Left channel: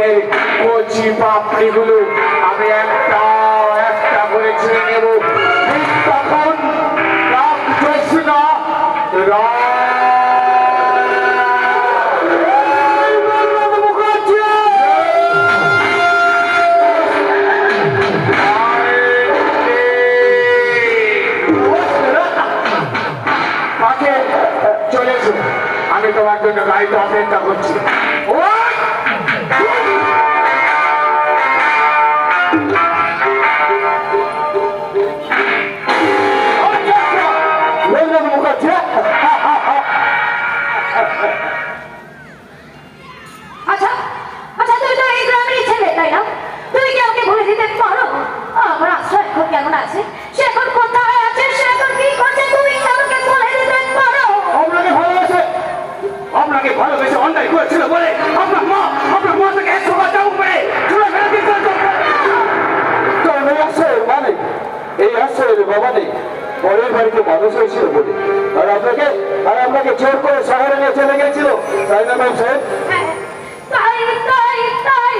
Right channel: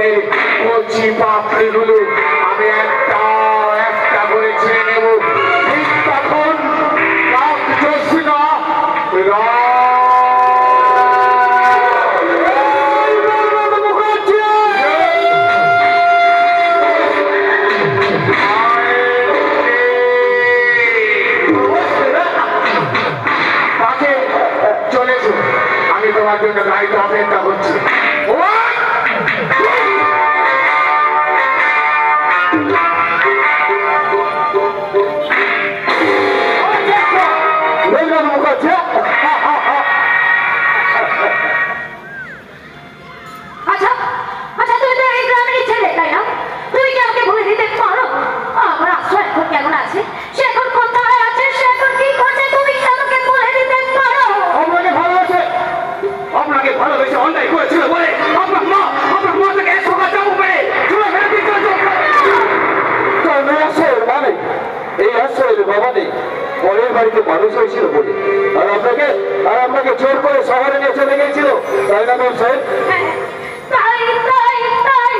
জীবনের কচি পাপড়িগুলো আমি একটা একটা করে ছেড়ে নেব। ঠিক তখন রামকৃষ্ণ চলেছো, আমি তোমার জন্য গাড়িতে অপেক্ষা করছি। আচ্ছা আচ্ছা, তুই তো এই গ্রামেরই ছেলে, তাই না? তুই কি আমাকে বলে দিতে পারো আমার আশ্রয় এখন কেমন আছে, সে এখন কোথায় আছে, সে এখন কি করছে? তুমি কি আমাকে বলে দিতে পারো? আপনাকে ভালোবাসে, আপনাকে ভালোবেসে অন্যায় করেছিল বলে আপনার মা থেকে 100 বার চাবুক মেরে চুলে ফেলে দিতে মানে এই আশ্রয়ের বাবা নেই, পরের বাড়িতে মানুষ হয়েছিল বলে আর আপনাকে জোর করে শহরে নিয়ে চলে গেছিল, তাই না ম্যাম সাহেব? তাই তাই তাই,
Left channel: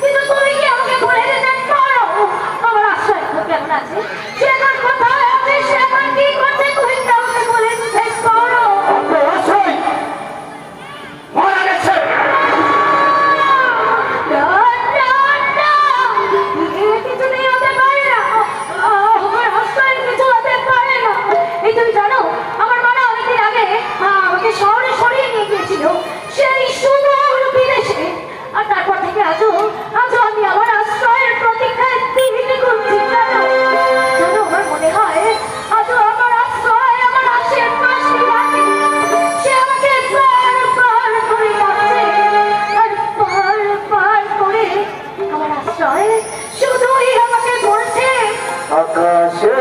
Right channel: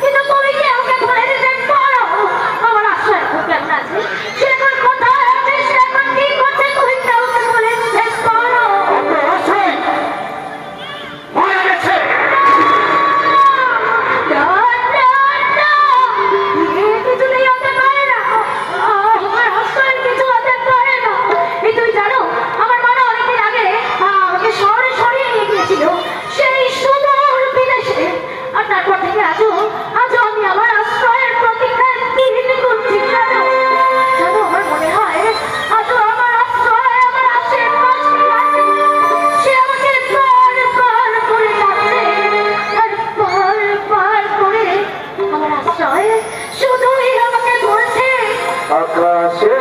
কিন্তু তুমি কি আমাকে বলে দিতে পারো আমার আশ্রয় এখন কেমন আছে, সে এখন কোথায় আছে, সে এখন কি করছে? তুমি কি আমাকে বলে দিতে পারো? আপনার আশ্রয় মারা গেছে। তুই জানো আমার মা অনেকদিন আগে আমাকে শহরে সরিয়ে নিয়ে গিয়েছিল, সেই সুদূর বিদেশে, আর তারপর থেকে আজও আমি আমার আশ্রয়ের প্রতীক্ষায় দিনই করছি। জানো আমার মনে হয় আজও আমার আশ্রয় আমার আশেপাশে আছে, সে আমাকে বার করে যাচ্ছে, আর বার করে আমার আশ্রয় শুধুই আমাকে বলছে আকাশে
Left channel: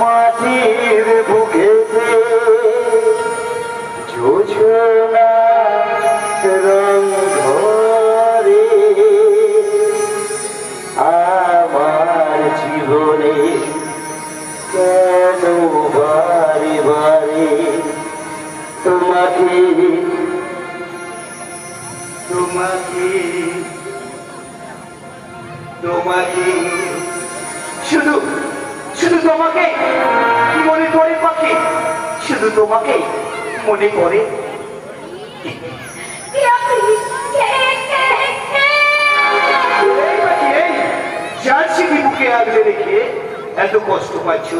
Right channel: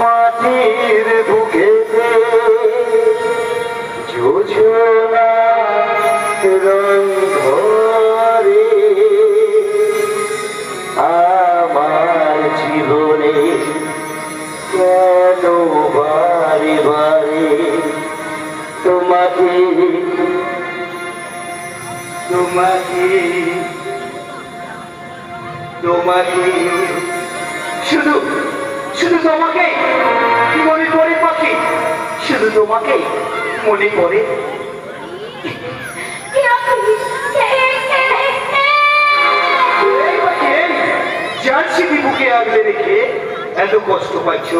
মাটির বুকেতে যোজনা রং ধরে আমার জীবনে কেন বারে বারে তোমাকে তোমাকে তোমাকে শুধু শুধু তোমাকে মনে করে পাখি, শুধু তোমাকে মনে করে। জানছি কি বুকে আগলে রেখে এত কষ্ট পাচ্ছ?